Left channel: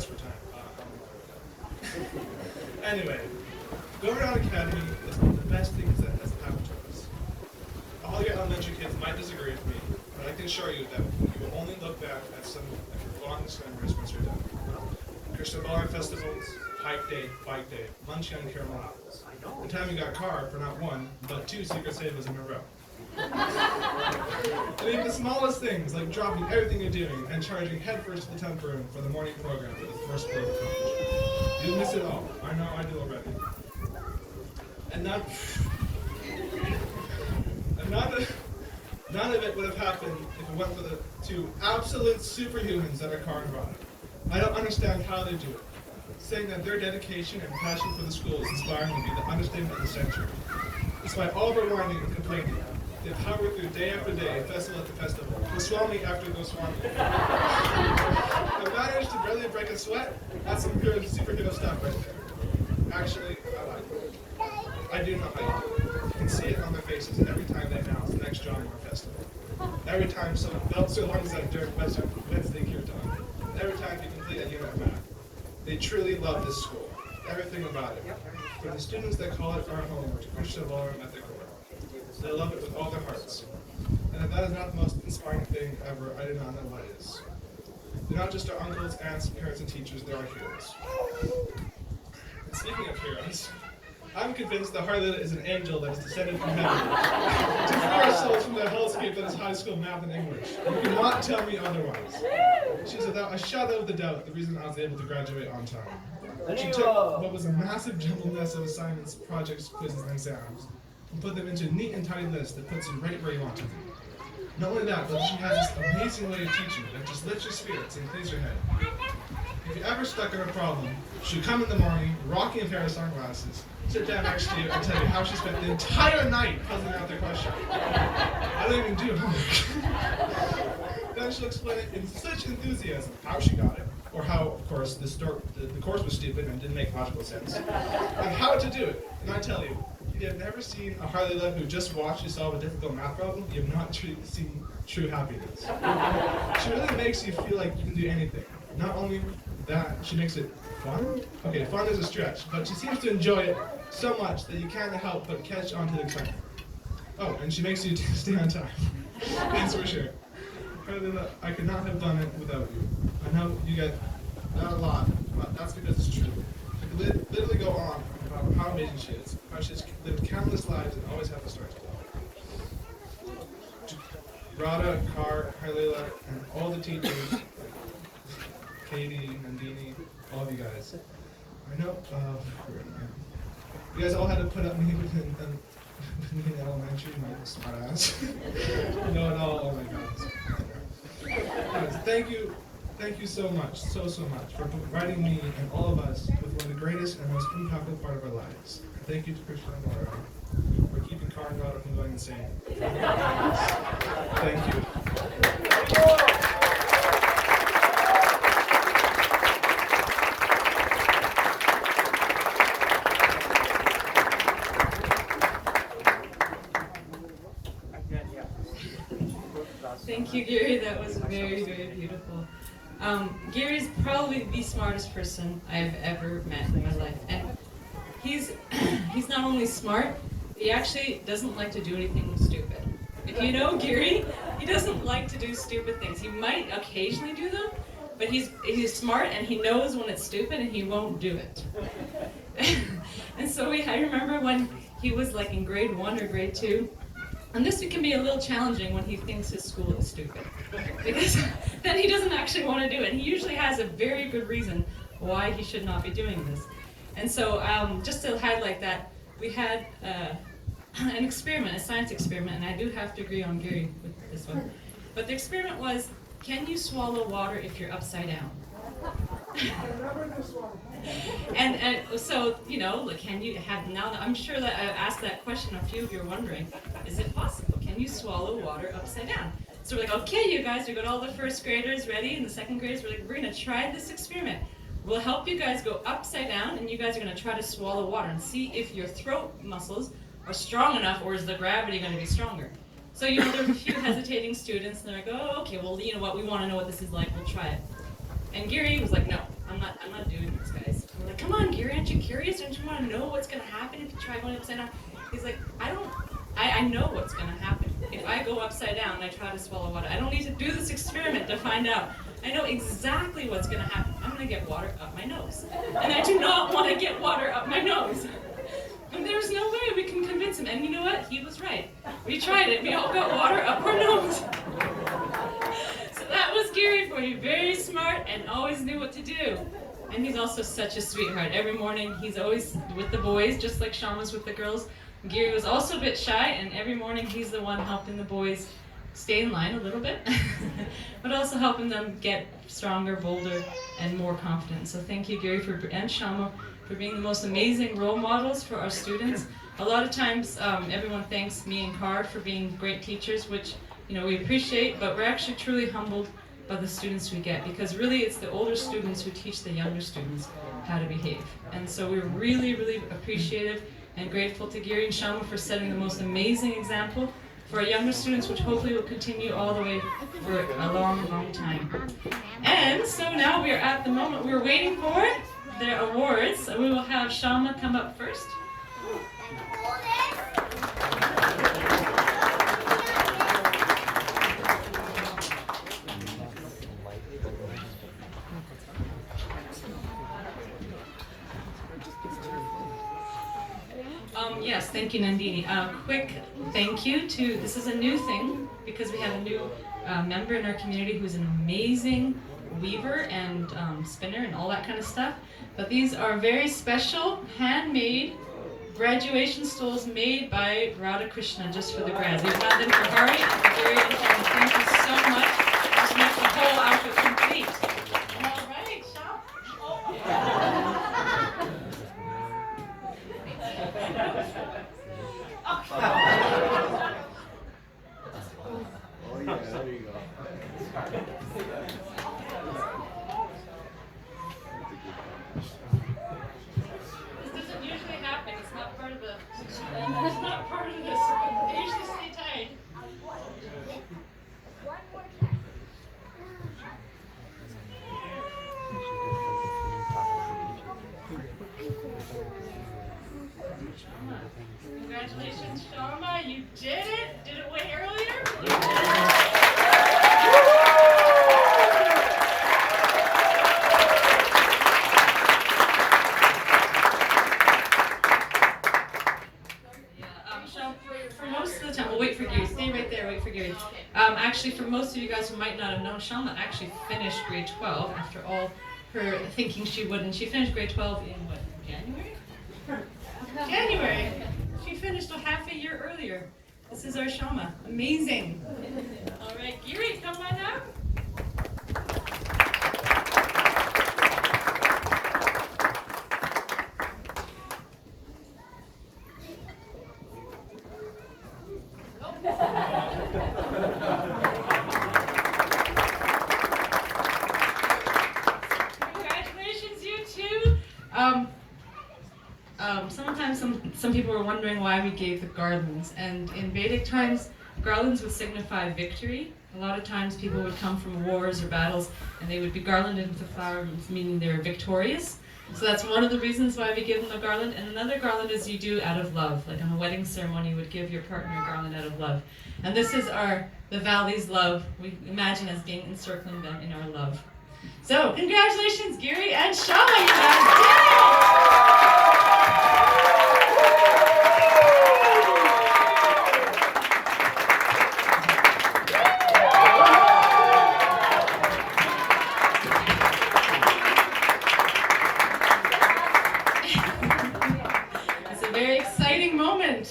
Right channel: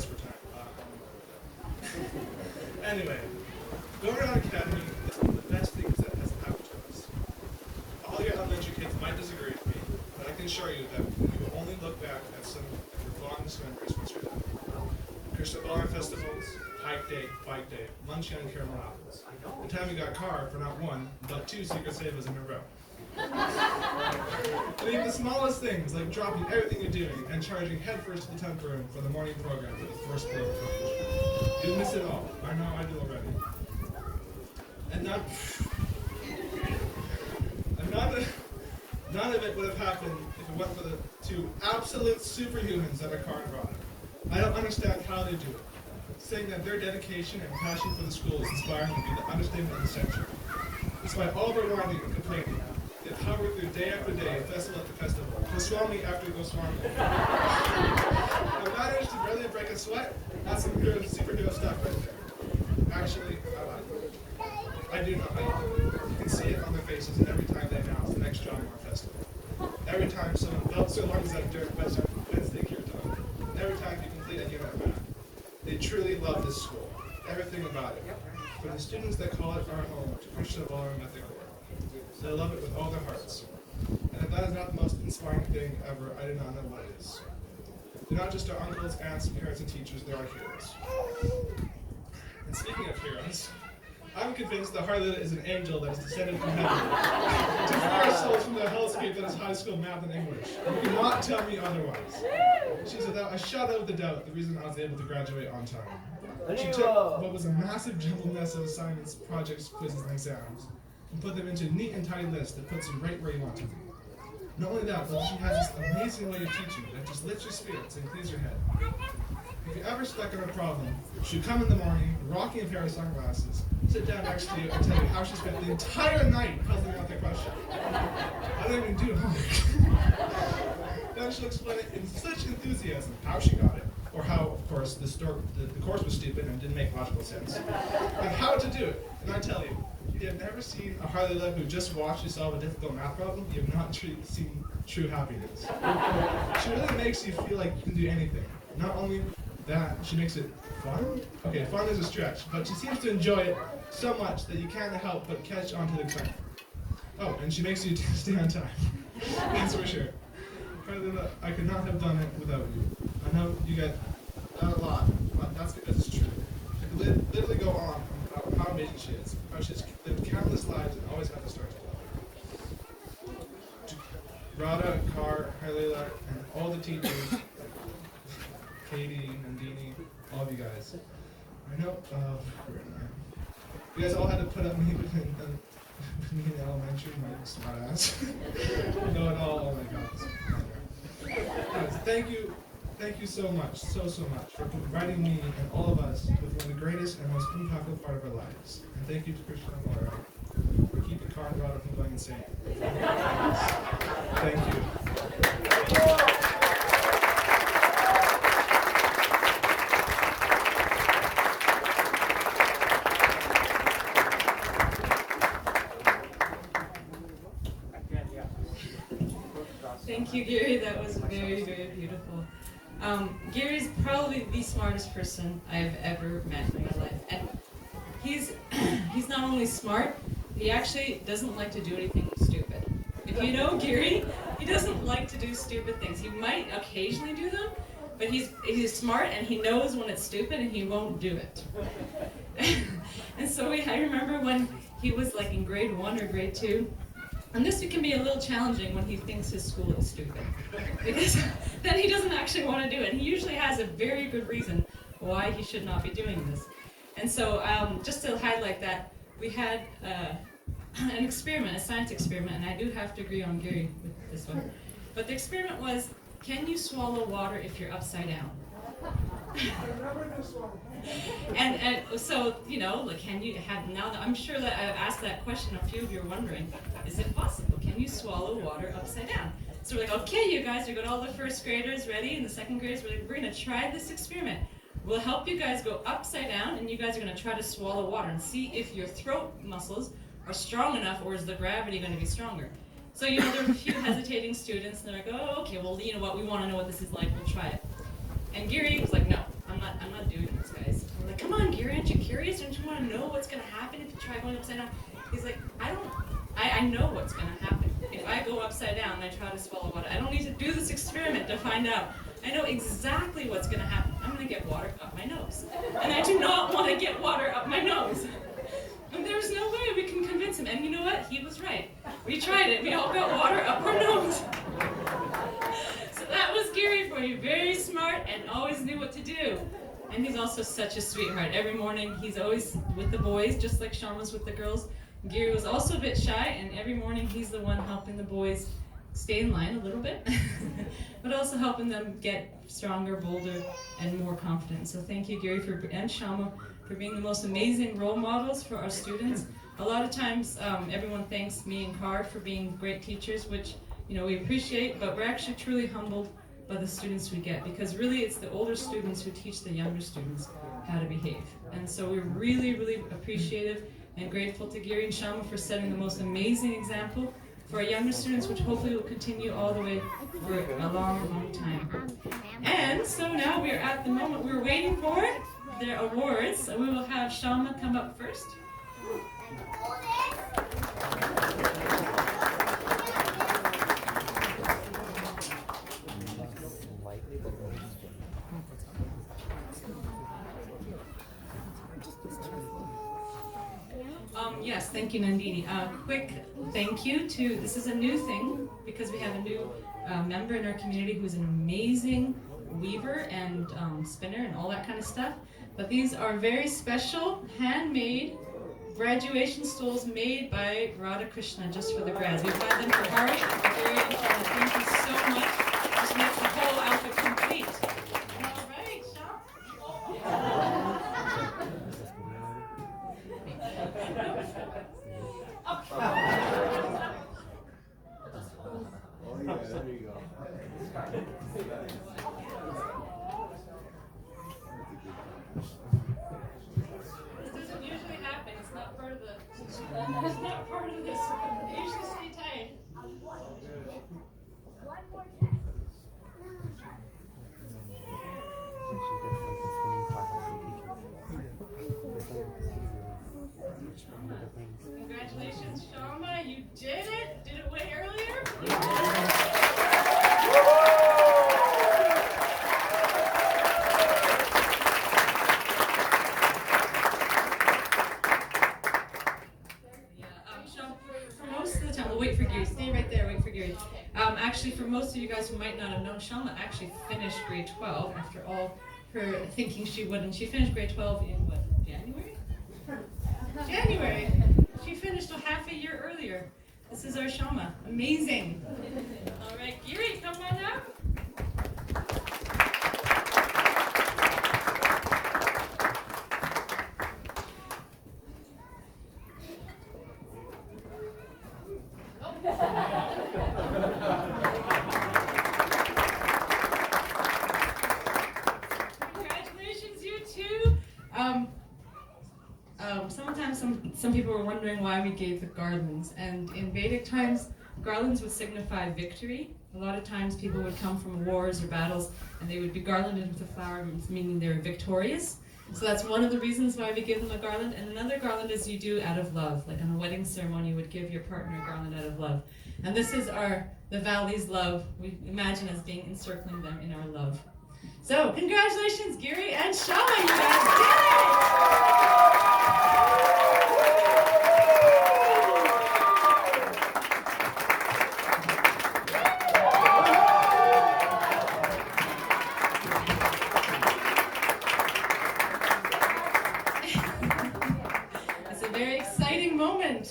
pressed for time. Anyway, Go Around Academy is one of the best things that has happened to us. All your elementary kids might disagree with me, but I can assure you that you will only look back at some of your fondest memories once you're done. Christian Bar festivals, hike day, bike day, lunch on caramel apples. The time you got a car for not one, but two Secret Savers in a row. And even the smallest things, like dropping everything you're doing and charging headfirst to the temp room for the morning program with the first day of college. You miss it all. I know I do already. And none of it would have happened if it wasn't for the two absolute superhumans that are car and ride. I don't understand how they do it. Saying that their dedication and passion for the school is inspiring would be the understatement of the century. Despite all of our whining and complaining, they power through day after day, festival after festival, Goswami after Goswami. I managed to barely break a sweat. That's some good superhero stuff right there. Actually, I like it. I do not like it. You can see it on their faces every time they announce the next John Moore Festival. Every time someone felt so long as that during Wednesday Gear Dog. Every time you complete a unit back. They truly love this school. Everything about it. From the students that call it our home to Christian Ballroom at the core. They love it with all their hearts. And if that is not the most inspiring thing ever, I do not know what is. They're not just our uncles, aunts, parents, and teachers, they're our heroes. And speaking of heroes, I'm convinced that Harley is an angel that is descended from heaven to free our souls from the hellscape that is high school math and English. You cannot tell me otherwise. She's without a shadow of the doubt the reason I was able to graduate on time. She took what was a massive jumbled mess of assignments, projects, quizzes, and exams, and put them into a neat and tidy list that puts you right where you want to be. Not only that, but she has this amazing way of teaching that just lifts your spirits and clears your head. If you're ever stuck on a problem, she'll come in the morning, rocking a pair of sunglasses, sit down next to you, and tell you how she spent the entire night puzzling out the question. I don't even do homework. Then she'll explain it in such enthusiasm how she got it, or how, of course, the course was stupid and didn't make logical sense, and how to do it. And I tell you, if you have never seen a Harley Love who just watched you solve a difficult math problem, you have not seen true happiness. She really makes you feel like you can do anything. Not only that, she makes it fun? Okay, fun is a stretch, but she seems to enjoy it so much that you can't help but catch on to the excitement. Oh, and she makes you stay on time. That's for sure. Harley, I could not have done it without you. I know you get that a lot, but that's because it's true. I could literally go on about how amazing she is, how she's lived countless lives and always has a story to tell. Radha, Carr, Harlela, and all the teachers, Katie, Nandini, all of you guys. I know, where am I? You guys all had to put up me in elementary, my smart ass. No, oh my god. Guys, thank you so much, so much for providing me and all of us with one of the greatest and most impactful part of our lives. And thank you to Christian and Laura for keeping Car and Daughter from going insane. Thank you. Thank you, Gary. That was very, very beautiful. Gary's probably the smartest person I've ever met in my life. And he's not only smart, he actually doesn't like to do anything stupid. If you know Gary, he doesn't like to do stupid things. He might occasionally do them, but he's smart and he knows when it's stupid and he won't do it. And so I remember when he was like in grade 1 or grade 2, and this can be a little challenging when he thinks his school is stupid, because then he doesn't actually want to do it. And he usually has a very good reason why he should not be doing this. And so just to highlight that, we had an experiment, a science experiment, and I do have to agree on Gary with this one. But the experiment was, can you swallow water if you're upside down? And so, you know, can you have, now I'm sure that I've asked that question, a few of you are wondering, is it possible? Can you swallow water upside down? So we're like, okay, you guys, we got all the first graders ready, and the second graders, we're like, we're gonna try this experiment. We'll help you guys go upside down, and you guys are gonna try to swallow water and see if your throat muscles are strong enough, or is the gravity gonna be stronger? So, you know, there were a few hesitating students, and they're like, oh, okay, well, you know what, we wanna know what this is like, we'll try it. And Gary was like, no, I'm not I'm not doing this, guys. I'm like, come on, Giri, aren't you curious? Don't you want to know what's going to happen if you try going upside down? He's like, I know what's going to happen. If I go upside down and I try to swallow water, I don't need to do this experiment to find out. I know exactly what's going to happen. I'm going to get water up my nose. And I do not want to get water up my nose. And there's no way we can convince him. And you know what? He was right. We tried it. We all got water up our nose. So that was Giri for you. Very smart and always knew what to do. And he's also such a sweetheart. Every morning he's always with the boys, just like Shyama's with the girls. Giri was also a bit shy, and every morning he's the one helping the boys stay in line a little bit, but also helping them get stronger, bolder, and more confident. So thank you, Giri, and Shyama, for being the most amazing role models for our students. A lot of times, everyone thanks me and Card for being great teachers, which we appreciate, but we're actually truly humbled by the students we get, because really it's the older students who teach the younger students how to behave. And so we're really, really appreciative and grateful to Giri and Shyama for setting the most amazing example for our younger students, which hopefully will continue all the way for a long, long time. And so now we are at the moment we were waiting for, their awards. So we will have Shyama come up first. Yes, thank you, Nandini. Quick thank you to, this is a new thing because we have a new member in our community who's an amazing weaver and spinner and all that kind of stuff. But these are very special, handmade graduation stoles made by Radha Krishna just for the grads. We've had them for Hari and Giri and Shyama. Thank you so much. This makes the whole outfit complete. All right, Shyama. Oh yeah, there you go. This doesn't usually happen. It's not part of the. It's not part of this. They usually stay tight. Congratulations, Shyama. You did it. Did it way earlier? You did it. For most of the time, we'll wait for Giri. Stay right there, wait for Giri. Actually, for most of you guys who might not have known, Shyama actually finished grade 12 after all her thinking she would, and she finished grade 12 in what, January? January! She finished a half a year earlier. This is our Shyama. Amazing. All right, Giri, come on up. Congratulations, you two. Sometimes some people were wondering why we gave the garlands, and in Vedic times, garlands would signify victory. A lot of times people would come from wars or battles, and they would be garlanded with flowers, meaning they were victorious. So that's one of the reasons why we give them a garland. And another garland is you do out of love. Like on a wedding ceremony, you would give your partner a garland out of love. And this is the Valley's love. We imagine as being encircling them in our love. So congratulations, Giri and Shyama, you guys did it!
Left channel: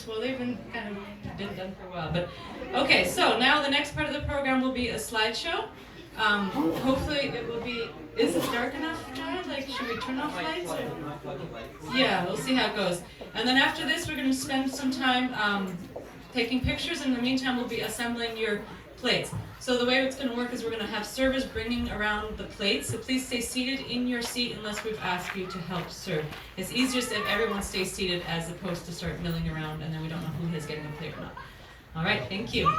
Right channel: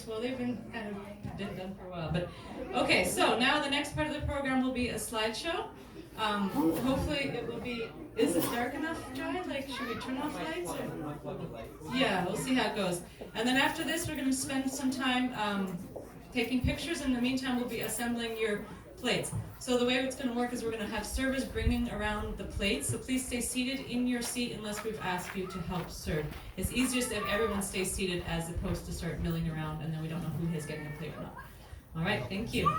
Well, they've been kind of done for a while, but okay. So now the next part of the program will be a slideshow. Hopefully it will be. Is it dark enough, Dad? Like, should we turn off lights? Or? Yeah, we'll see how it goes. And then after this, we're going to spend some time taking pictures. In the meantime, we'll be assembling your plates. So the way it's going to work is we're going to have servers bringing around the plates. So please stay seated in your seat unless we've asked you to help serve. It's easiest if everyone stays seated as opposed to start milling around and then we don't know who is getting the plate or not. All right, thank you.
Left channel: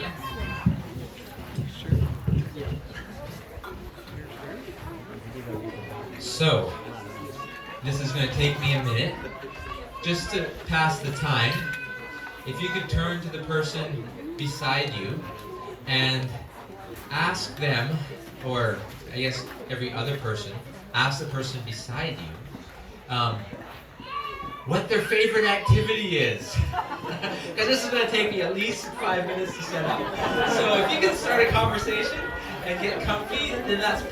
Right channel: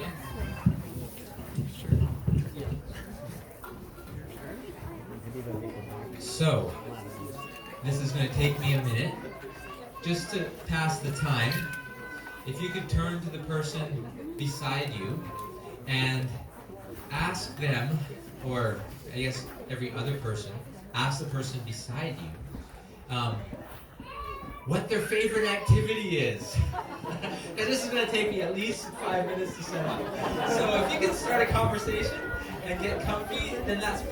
Yeah. So, this is going to take me a minute. Just to pass the time, if you could turn to the person beside you and ask them, or I guess every other person, ask the person beside you, what their favorite activity is. Because this is going to take me at least 5 minutes to set up. So if you can start a conversation and get comfy, then that's